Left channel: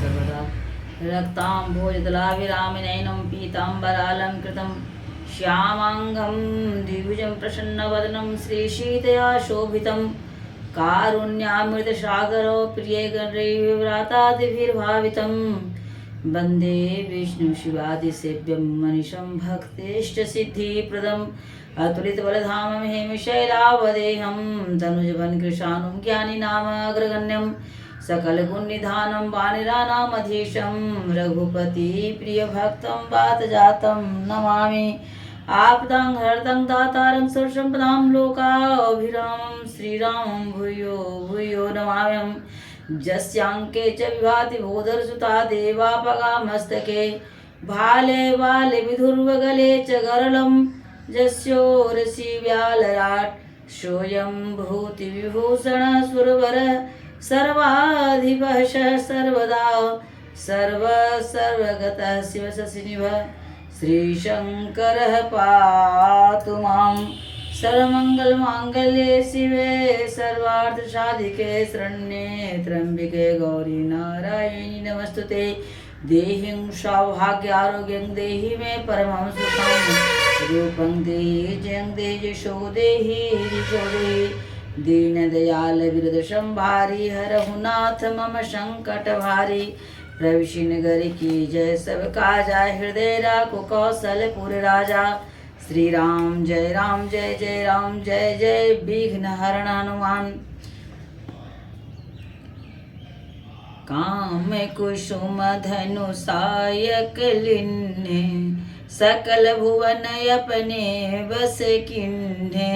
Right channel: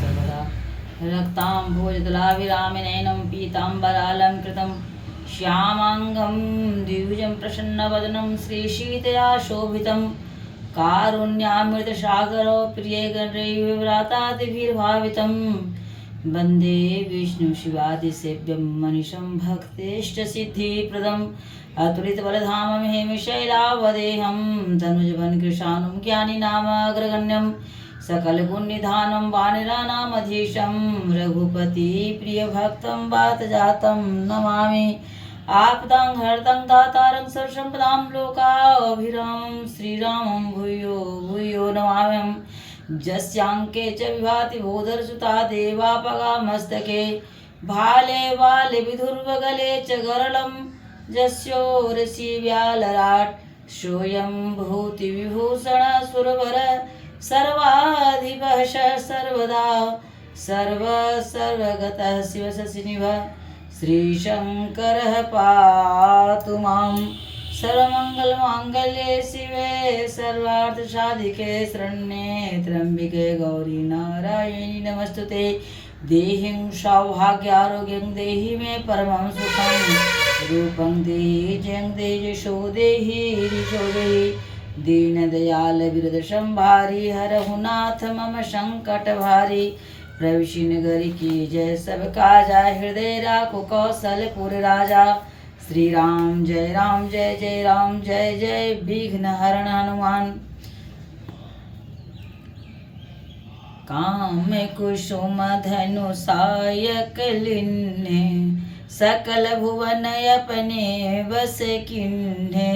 सर्वदा रक्ताम्भोजदलाभिरामिनयनं पीताम्बरालङ्कृतं श्यामाङ्गं द्विभुजं प्रसन्नवदनं श्रीशीतया शोभितं कारुण्यामृतसागरो प्रियगणैर्व्रातादिभिर्भावितं वन्दे विष्णुशिवादिसेव्यं मनिषं भक्तेष्टसिद्धिप्रदम् अतुलितबलधामं हेमशैलावदेहं तनुजवनकृशानुं ज्ञानिनामाग्रगण्यं सकलगुणनिधानं वानराणामधीशं रघुपतिप्रियभक्तं वातजातं नमामि आपदां हरतं दातारं सर्वसम्पदां लोकाभिरामं श्रीरामं भूयो भूयो नमाम्यहं यस्यांके च विभाति भूधरसुता देवापगा मस्तके भाले वाले विधुर्वगले च गरलं जस्योरसि व्यालराट सोऽयं भूतिविभूषण सुरवर सर्वाधिपः सर्वदा सर्वगतः शिवशशिनिभः श्रीशङ्करः पातु मां सर्वमङ्गलमाङ्गल्ये शिवे सर्वार्थसाधिके शरण्ये त्र्यम्बिके गौरी नारायणी नमस्तुते देहिं सौभाग्यारोग्यं देहि मे परमं सुखं रूपं देहि जयं देहि यशो देहि ऋषो देहि दीनदयाल विरदशंभारी हरहु नाथ मम संकट भारी प्रविशि नगर की जय सब काजा हृदय राखो कौशलपुर राजा श्री राम जय राम जय जय विघ्न हरण हनुमान काम कुसुम धनु सायक लिन्ने सकल भुवन अपने बस किन्ने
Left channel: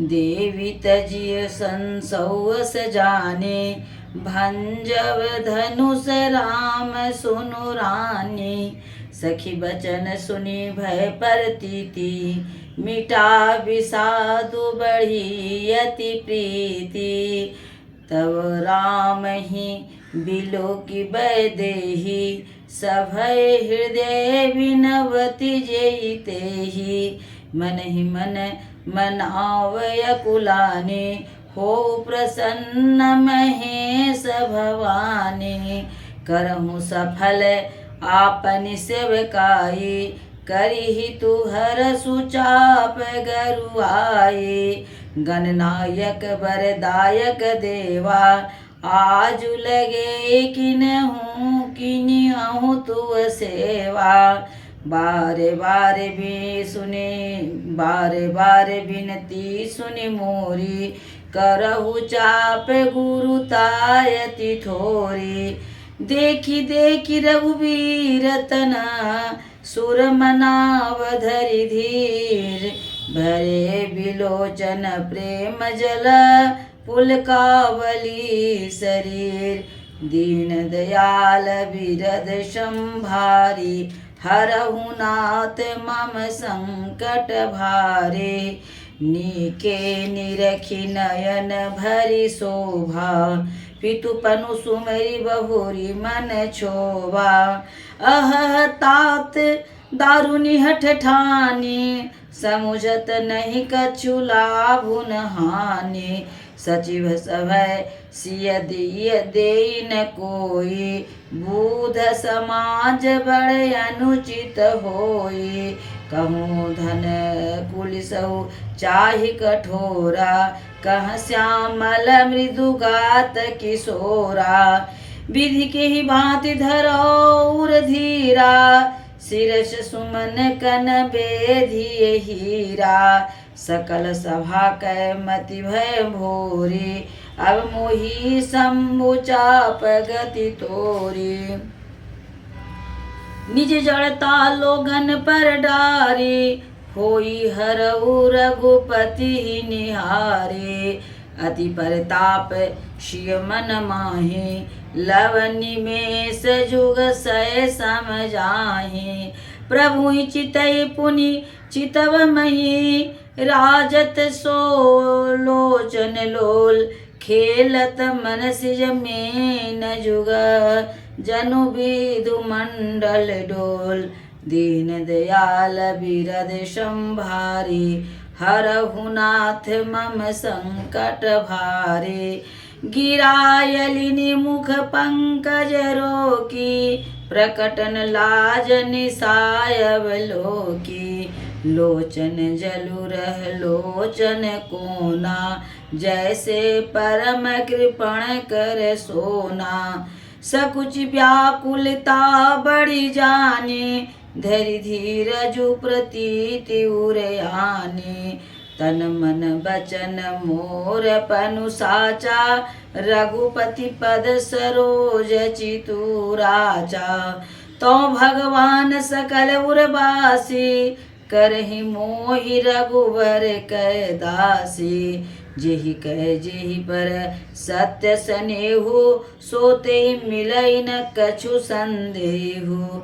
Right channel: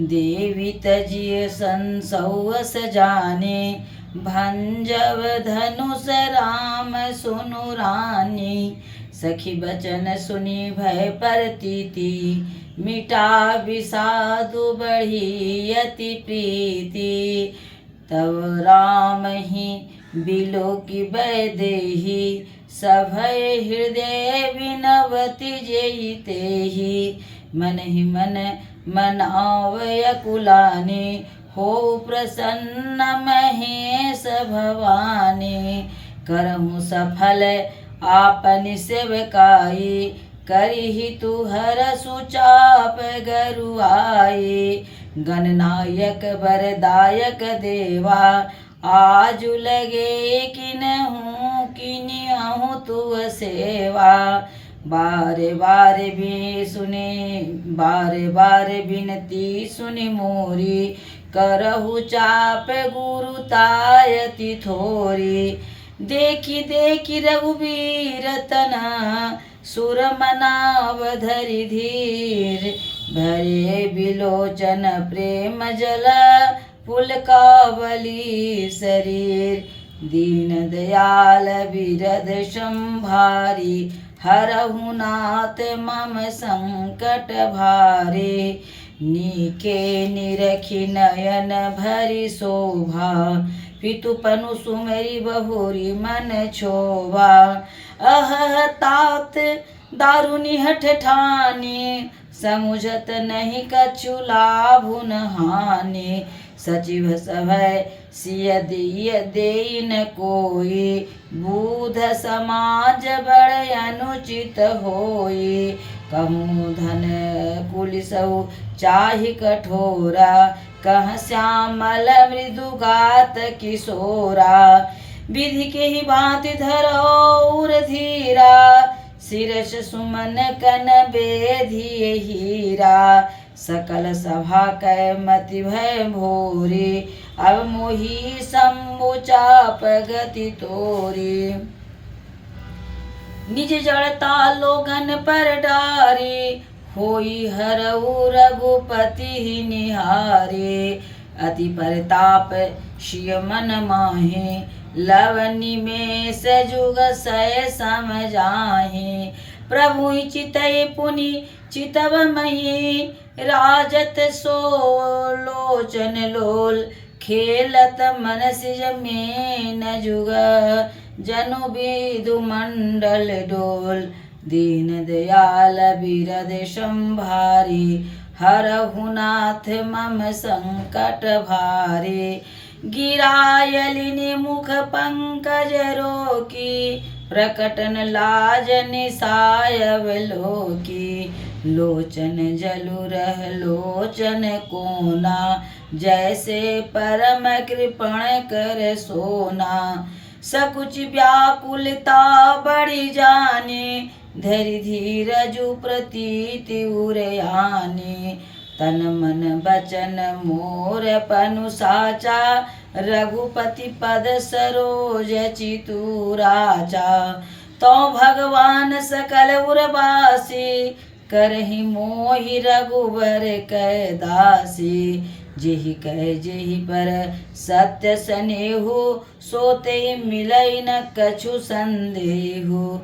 देवी तजिय संसौस जाने भंजव धनुष राम सुनु रानी सखी बचन सुनी भय परतीति मिटा विषादु बढ़ी अति प्रीति तब राम ही बिलो की बैदेही सभय हृदय विनवति जेते ही मन ही मन आवय कुलाने हो प्रसन्न महेश भवानी करहु सफल आपन सेवकाई करिहि तू हर सुचाप गरुआई गणनायक वरदायक देवा आजु लगे किन्हु तू सेवा बारे बारे बिनती सुनि मोरी करहु चाप गुरु तायति थोरी देखी रघुबीर तना सुर मनाव धरि धीर भरे बिलोचन प्रेम जल पुलकावली शरीर दीन दयाल बिरद संभारी हरहु नाथ मम संकट भारे नीके निरखि नयन भरि शोभा पितु पनु सुमेरी बहुरी मन छोभा अह तात दारुनि हठ ठानी समुझत नहीं कछु लाभु न हानि सचिव सभय सिय दिय देई न कोई बूध समाज बड़ अनुचित होई कहूँ धन कुलिसहु चाहि कठोरा कह श्यामल मृदुगात किशोरा विधि के ही भांति धरौर धीरा शिरस सुमन कन बेधिय हीरा सकल सभा कै मति भय भोरी अब मोही सम्मुचाप गति तोरी निज जड़ता लोगन पर डारे होई हरऊ रघुपति निहारे अति परताप शिय मन माहे लवनि में सजुग सय समझाहे प्रभु चितय पुनि चितव मही राजत सो लोचन लोल खेलत मनसिज में न जुग जनु विदु मंडल डोल दीन दयाल बिरद संभारी हरहु नाथ मम संकट भारे गिरायलिनी मुख पंकज रोकी, प्रकटन लाज निसायवलोकी। लोचन जलु रह लोचन कोना, जैसे परम कृपण कर सोना। सकुच व्याकुलता बढ़ी जाने, धरि धीरजु प्रतीति उरयाने। तन मन बचन मोर पनु साचा, रघुपति पद सरोज चितुराचा। तो भगवान सकल उर्वासी, करहि मोहि रघुबर कै दासी। जेहि कह जेहि पर सत्य सनेहु, सोते मिलै न कछु संदेहु।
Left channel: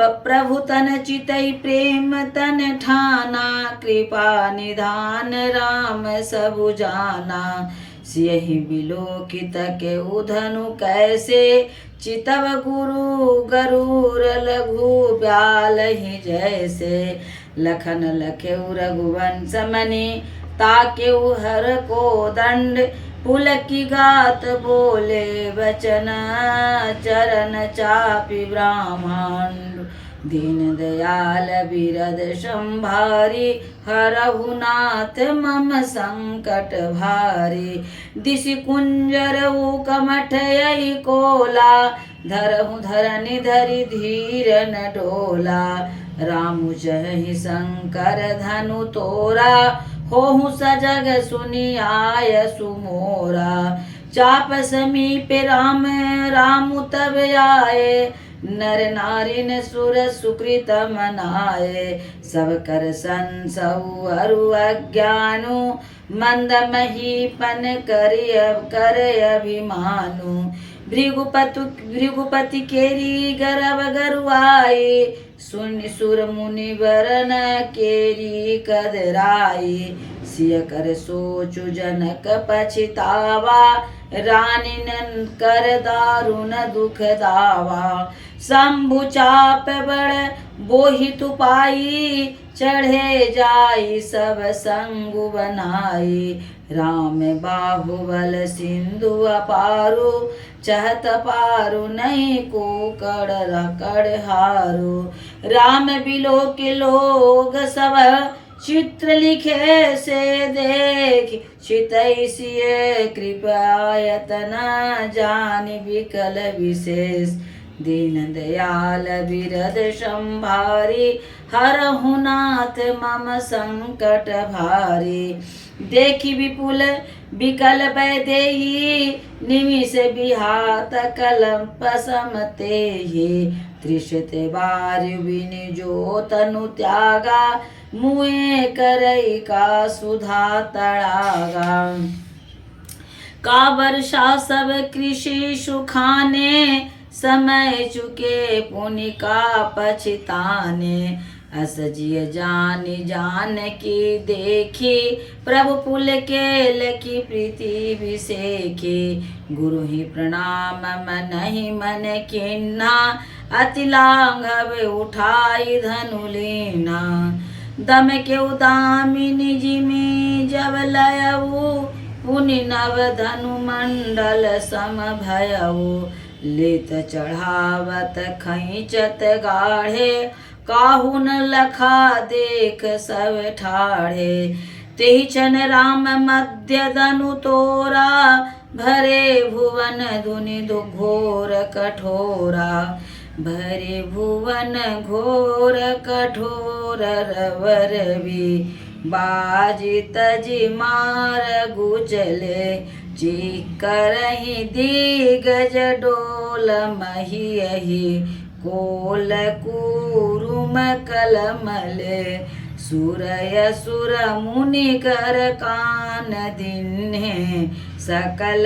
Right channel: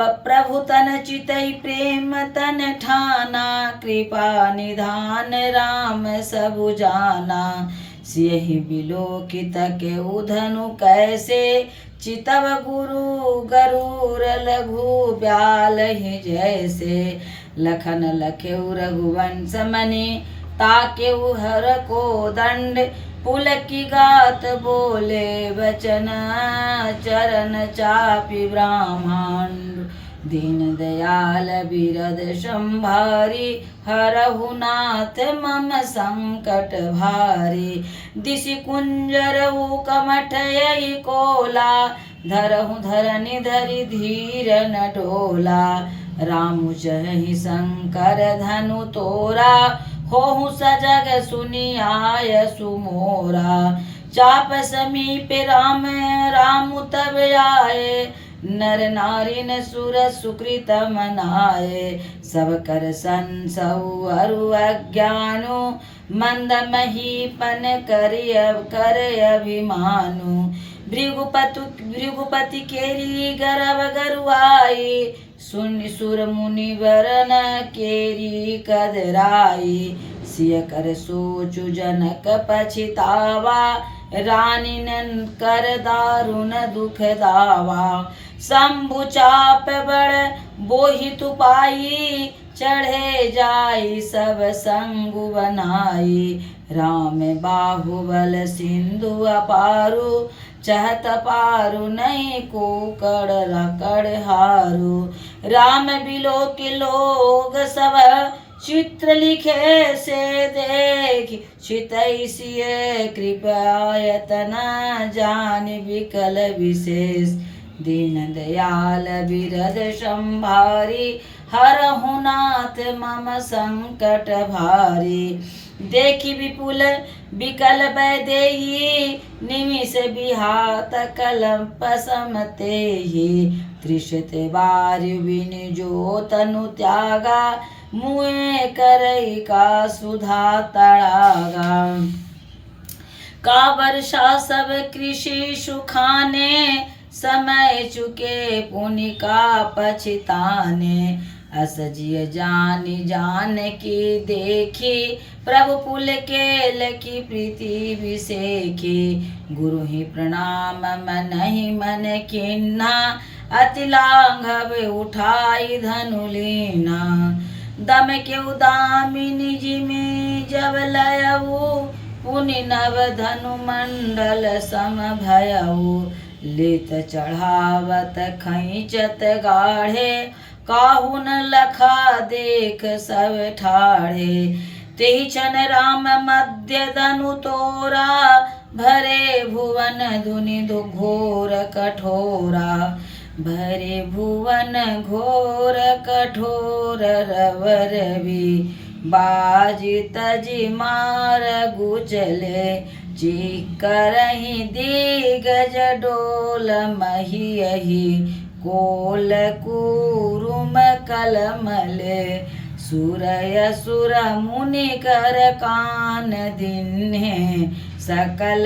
प्रभु तन चितई प्रेम तन ठाना, कृपा निधान राम सबु जाना। सियहि बिलोकित केहु धनु कैसे, चितव गुरु गरुर लघु ब्यालहि जैसे। लखन लखेउ रघुवंश मनि, ताकेउ हर को दंड। पुलकी गात बोले वचन, चरण चापि ब्रह्मांड। दीन दयाल बिरद संभारी, हरहु नाथ मम संकट भारी। दिशि कुंजरहु कमठ यही कोला, धरहु धरनि धरि धीर न डोला। रामु जहि शंकर धनु तोरा, होहु सजग सुनि आय सुमोरा। चाप समीप राम रामु तब आए, नर नारी न सुर सुकृत मनाए। सब कर संसहु अरु अज्ञानु, मंद महीपन कर अभिमानु। भृगुपति केरी गर्भ गरुआई, सुनि सुर मुनि वरन केरी कदराई। सिय कर सोचु जनक पछितावा, रानीन कर दारुण दुख दावा। शंभु चाप बड़ बोहित पाई, चढ़े जाई सब संगु बनाई। राम बाहुबल सिंधु अपारु, चहत पारु नहीं को कड़ हारू। राम बिलो के लोग सब, चित्र लिखे से देख। चितई सिय कृपायतन, जान विकल विशेष। दीन दयाल बिरद संभारी, हरहु नाथ मम संकट भारी। देखी विपुल विकल वैदेही, निमिष बिहात कलप समतेहि। त्रिशत बार बिन जो तनु त्यागा, मुए करई का सुधा तड़ागा। का वर्षा सब कृषि सुखाने, समय चुके पुनि का पछताने। अस जिय जानि जान की देखी, प्रभु पुल के लकी प्रीति विसेखी। गुरु ही प्रणाम मन ही मन किन्हा, अति लांघव उठाई धनु लीना। दम के उदामिनी जिमी जब लयऊ, पुनि नव धनु मंडल सम भयऊ। लेत चढ़ावत खैचत गाढ़े, काहू न लखा देख सब ठाढ़े। तेहि क्षण राम मध्य धनु तोरा, भरे भुवन धुनि घोर कठोरा। भरे भुवन घोर कठोर, रवर भी बाजी तजी मार गुचले। चिकरहि दिगज डोल महियहि, कोल कुरुम कलमले। सुरय सुर मुनि कर कान दिन्हे, सकल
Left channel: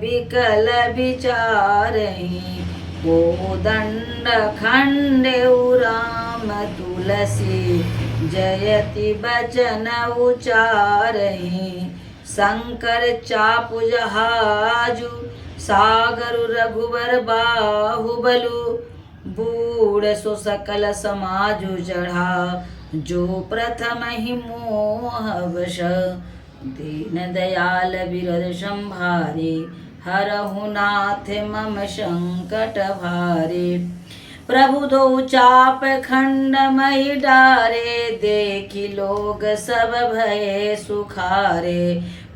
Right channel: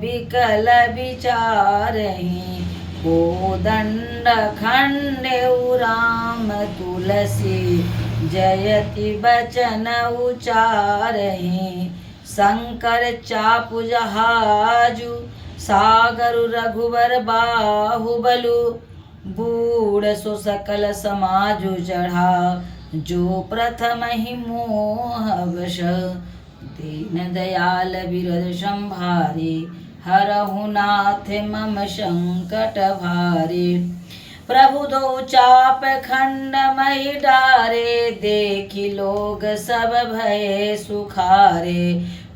विकल विचारहि। कोदंड खंडेउ राम तुलसी, जयति बचन उचारहि। शंकर चापु जहाजु, सागरु रघुवर बाहुबलु। बूढ़ सो सकल समाजु चढ़ा, जो प्रथम ही मोह वश। दीन दयाल बिरद संभारी, हरहु नाथ मम संकट भारी। प्रभु दो चाप खंड मही डारे, देखी लोग सब भये सुखारे।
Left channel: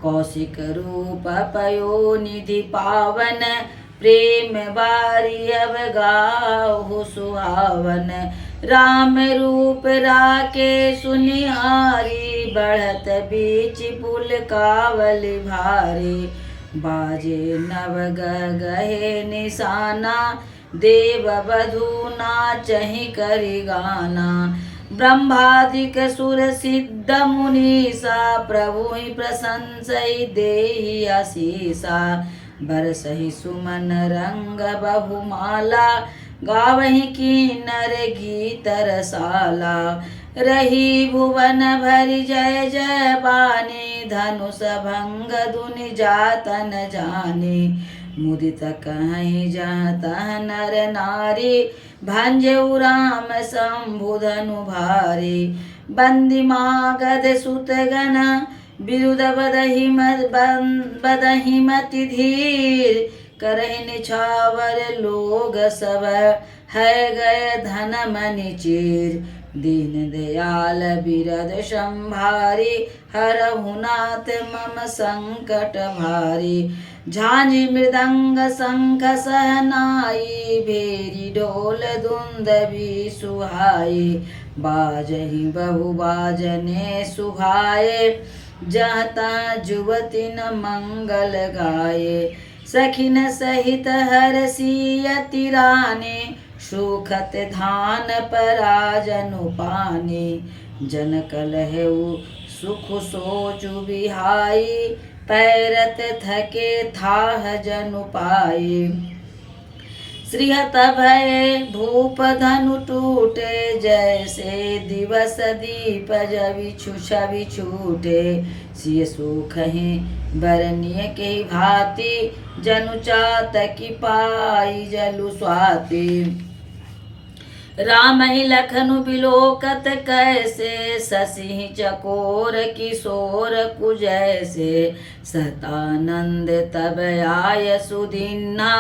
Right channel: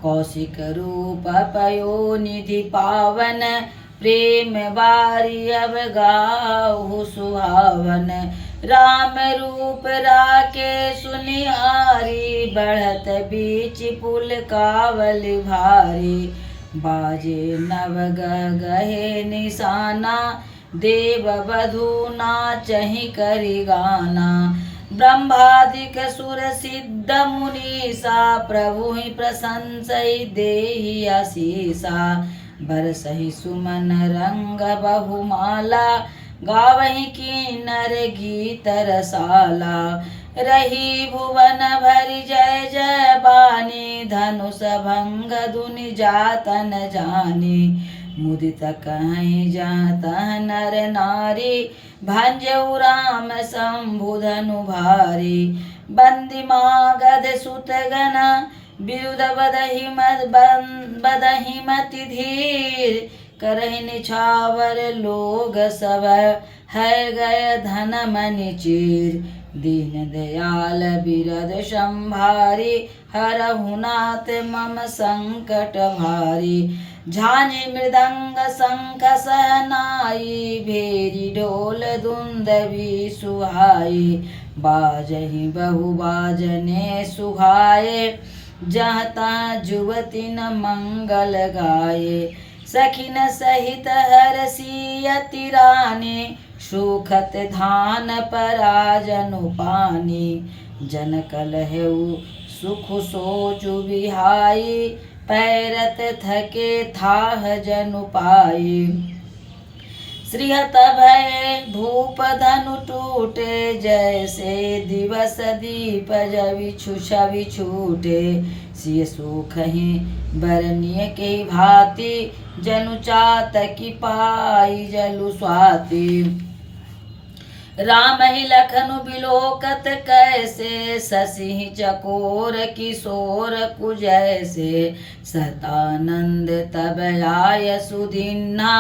कौशिक रूप पयो निधि पावन, प्रेम बारी अब गाहु सुहावन। राम रूप राके सुनिहारी, बढ़त बीच पुल कावल भारी। बाजे नव गहे निशाना, देव बधू नाचहि करि गाना। ब्रह्मादिक सुर सिद्ध मुनीसा, प्रभु ही प्रशंसई देहि आशीषा। बरसहि सुमन रंग बहुमाला, गावहि किन्नर गीत रसाला। रही भुवन भरि जय जय बानी, धनुष भंग धुनि जातन जानी। मुदित कहीं जाता नर नारी, भंजऊ राम शंभु धनु भारी। बंदी मागध सुत गण, बिरुद बदहि मति धीर। करहि निछावर लोग सब, है गए धन मनि चीर। दीन दयाल बिरद संभारी, हरहु नाथ मम संकट भारी। झांझी मृदंग शंख सहनाई, भेरी ढोल दुंदभी सुहाई। बाजहि बहु बाजने सुहाए, जहाँ तहाँ जुवती न मंगल गाये। सखिन सहित हरसियति रानी, सुखत धान पराजनु पानी। जन कलहु सुख सोचु बिहाई, पैरत थके थाह जनु पाई। श्रीहत भये भूप धनु टूटे, जैसे दिवस दीप छवि छूटे। सिय सुखहि बरनिय के भांति, जनु चातकि पाई जलु स्वाति। राम ही लखनु बिलोकत कैसे, शशि चकोर किशोर कुजैसे। सतानंद तब आय सुदीन्हा,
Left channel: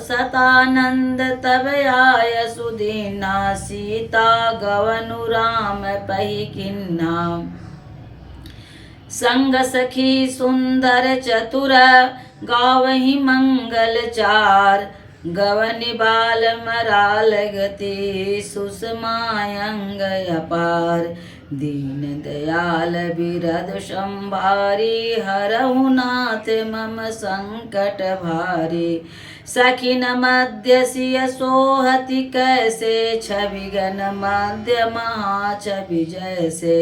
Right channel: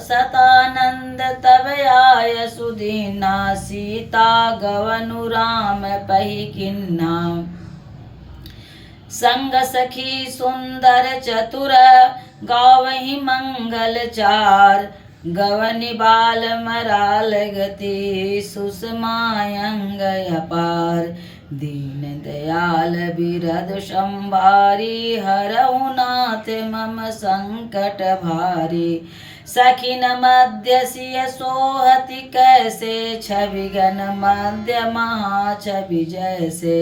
सतानंद तब आय सुदीन्हा। सीता गवनु राम पहि किन्हा, संग सखी सुंदर चतुर। गावहि मंगल चार, गवनि बाल मराल गति। सुषमायंग अपार, दीन दयाल बिरद संभारी। हरहु नाथ मम संकट भारी। सखिन मध्य सिय सोहति कैसे, छवि गण मध्य महाछवि जैसे।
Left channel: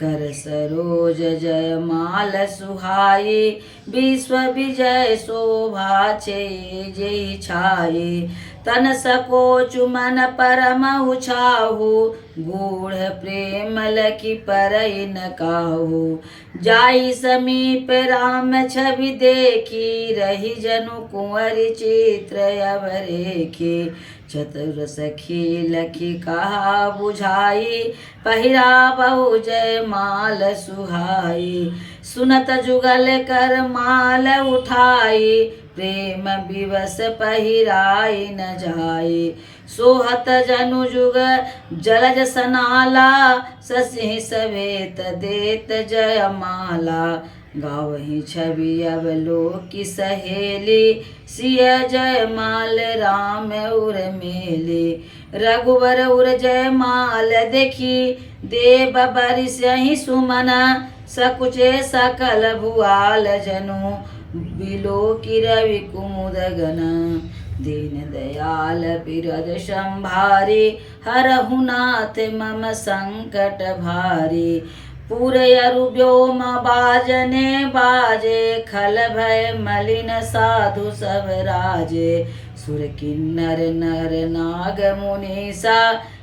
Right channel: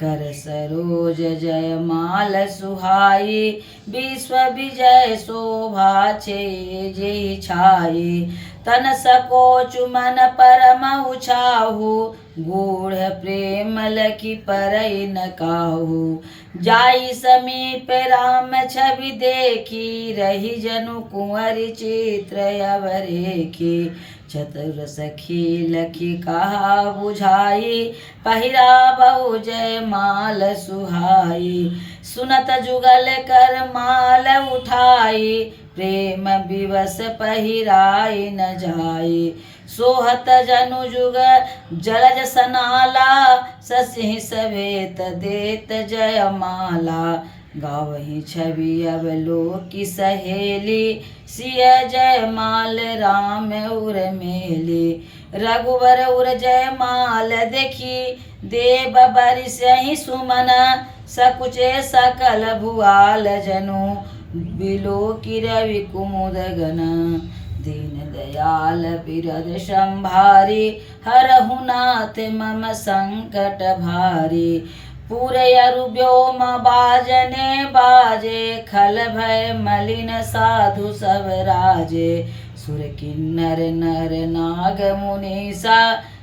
कर सरोज जयमाल सुहाई, विश्व विजय शोभा छे जय छाई। तन सकोचु मन परम उछाहु, गूढ़ प्रेम लखि परई न काहू। जाई समीप राम छवि देखी, रही जनु कुंवर चित्र अवरेखी। चतुर सखी लखि कहा बुझाई, पहिरा बहु जय माल सुहाई। सुनत जुगल कर माल उठाई, प्रेम विवश पहिराई न जाई। सोहत जनु जुग जलज सनाला, शशि सवेत देत जयमाला। गावहि छवि अवलोकि सहेली, सिय जयमाल राम उर्मिली। रघुवर उर जयमाल देखी, देव बरिसहि सुमन। सकुचे सकल भुआल जनु, बिलोकि रवि कुमुद गण। दीन दयाल बिरद संभारी, हरहु नाथ मम संकट भारी। पूरयरु व्योम बाजने बाजे, खल भय मलिन साधु सब राजे। सुर किन्नर नर नाग मुनीसा,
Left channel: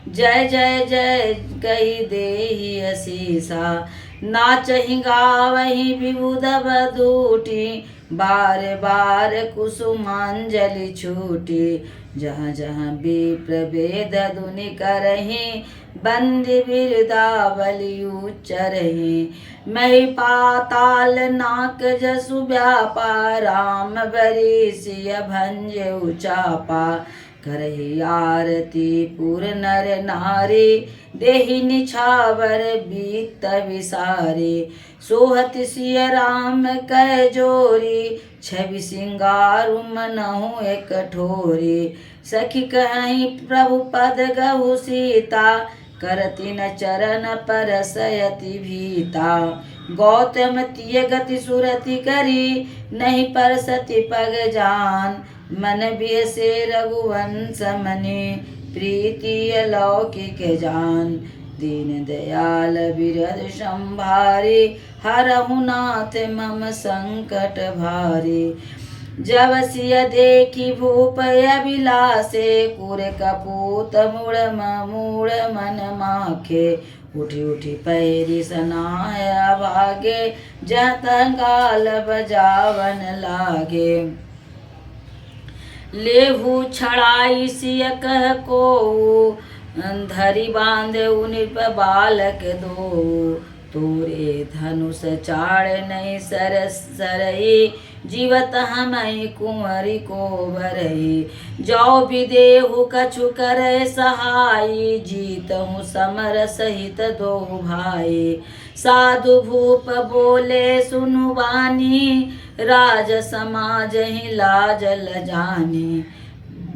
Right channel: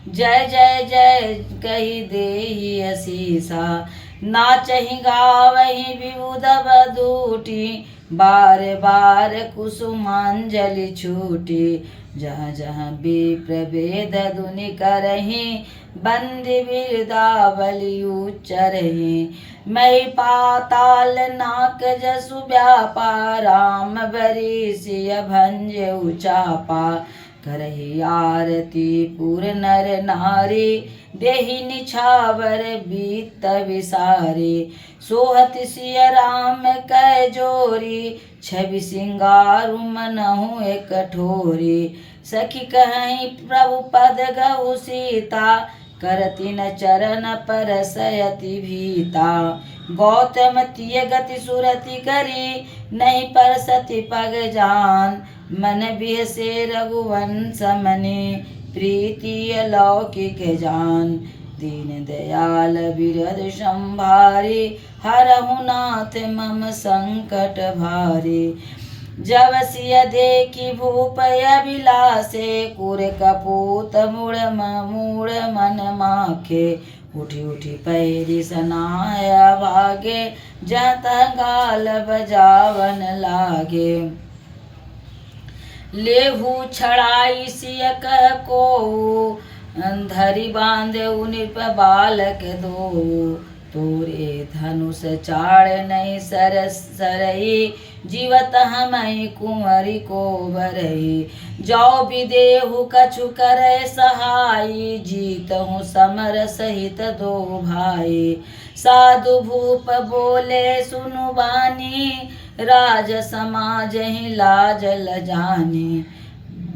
जय जय जय कहि देहि असीसा। नाचहि गावहि विबुध बधूटी, बार बार कुसुमांजलि छूटी। जहाँ जहाँ विप्र वेद धुनि करहीं, बंदी बिरदावली उच्चरहीं। मही पाताल नाक जसु व्यापा, राम बरी सिय भंजे उचापा। करहि आरती पुर नर नारी, देहि निछावर बीत विसारे। सोहत सिय राम कै जोरी, छवि सिंगारु मनहु एक ठोरी। सखी कहीं प्रभु पद गहु सीता, करति न चरण परसयति भीता। गौतम तिय गति सुरति करी, नहीं परसति पग जान। मन बिहसे रघुवंश मनि, प्रीति अलौकिक जान। दीन दयाल बिरद संभारी, हरहु नाथ मम संकट भारी। जब सिय देखी भूप अभिलाषे, कुर कपूत मूढ़ मन माखे। उठी उठी पैरी सनाय भागे, जहाँ तहाँ गाल बजावन लागे। लेहु छड़ाई सिय कह कोऊ, धरि बांधेउ नृप बालक दो। तोरे धनुष चाड़ नहीं सरई, जीवत हमहि कुंवरी को भरई। जाओ विदेहु कछु करे सहाई, जीतहु समर सहित दो भाई। साधु भूप बोले सुनु बानी, राज समाज ही लाज लजानी।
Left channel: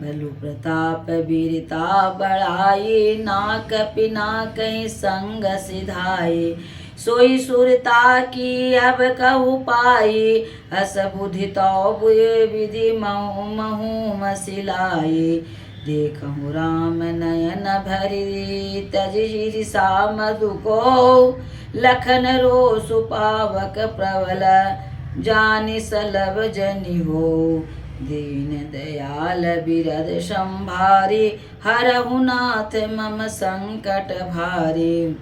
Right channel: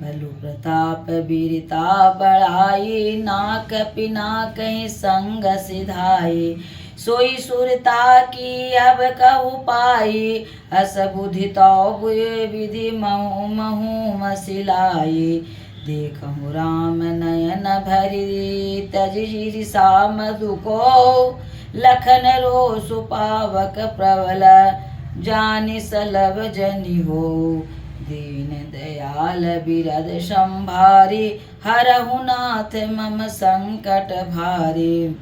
बलु प्रताप वीरता बढ़ाई, नाक पिना कहीं संग सिधाई। सोई सुरता की अब कहु पाई, अस बुद्धि तो बुए विधि महु महु मसिलाई। देखहु राम नयन भरी, तजि सा मधु को। लखन रोसु पावक प्रबल, जानि सलभ जनि हो। दीन दयाल बिरद संभारी, हरहु नाथ मम संकट भारी।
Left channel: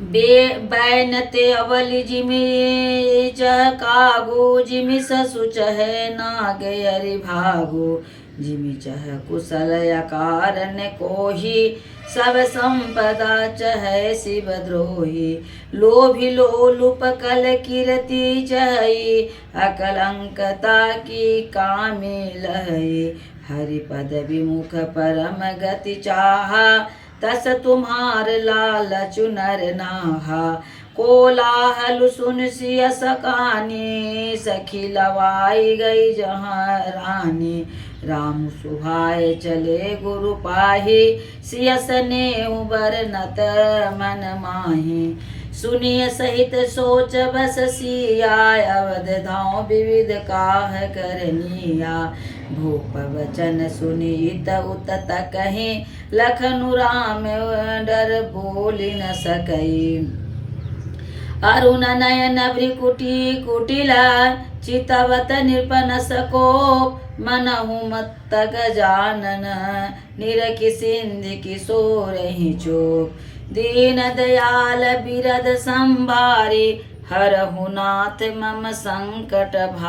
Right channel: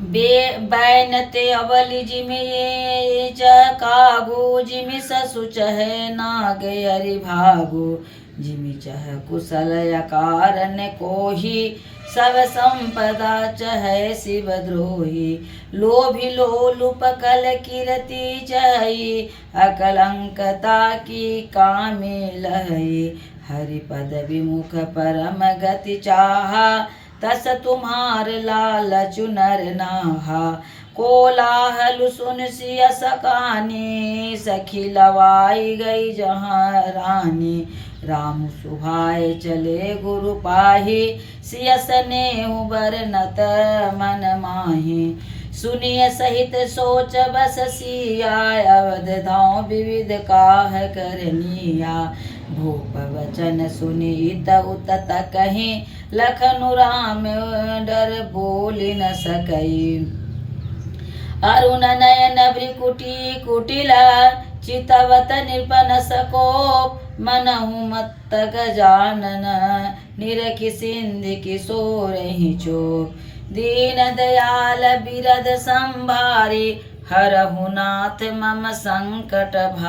बैनते अवलि जिमि चह कागो, जिमि ससु चहे नाग अरि भागो। जिमि चह कुशल अकारन कोही, सब संपदा चहै शिव द्रोही। लोभी लोलुप कल कीरति चहई, अकलंकता की कामी लहई। हरिपद विमुख परम गति चाहा, तस तुम्हार लालचु नर नाहा। कोलाहल सुन सिय सकानी, सखी लवाई गई जहाँ रानी। राम सुहाय चले गुरु पाही, सिय स्नेहु बरनत मन माही। सुनिय सहित सोच बस सिया, अवध धाम विविध काह करनिया। भूप वचन सुनि इत उत कहीं, लखनु राम डर बोल न सकई। अरुण नयन भ्रिकुटी कुटिला, चितवत नृपन सकोप। मनहु मत्त गजानन, निरखि सिंधि किशोरहि चोप। दीन दयाल बिरद संभारी, हरहु नाथ मम संकट भारी।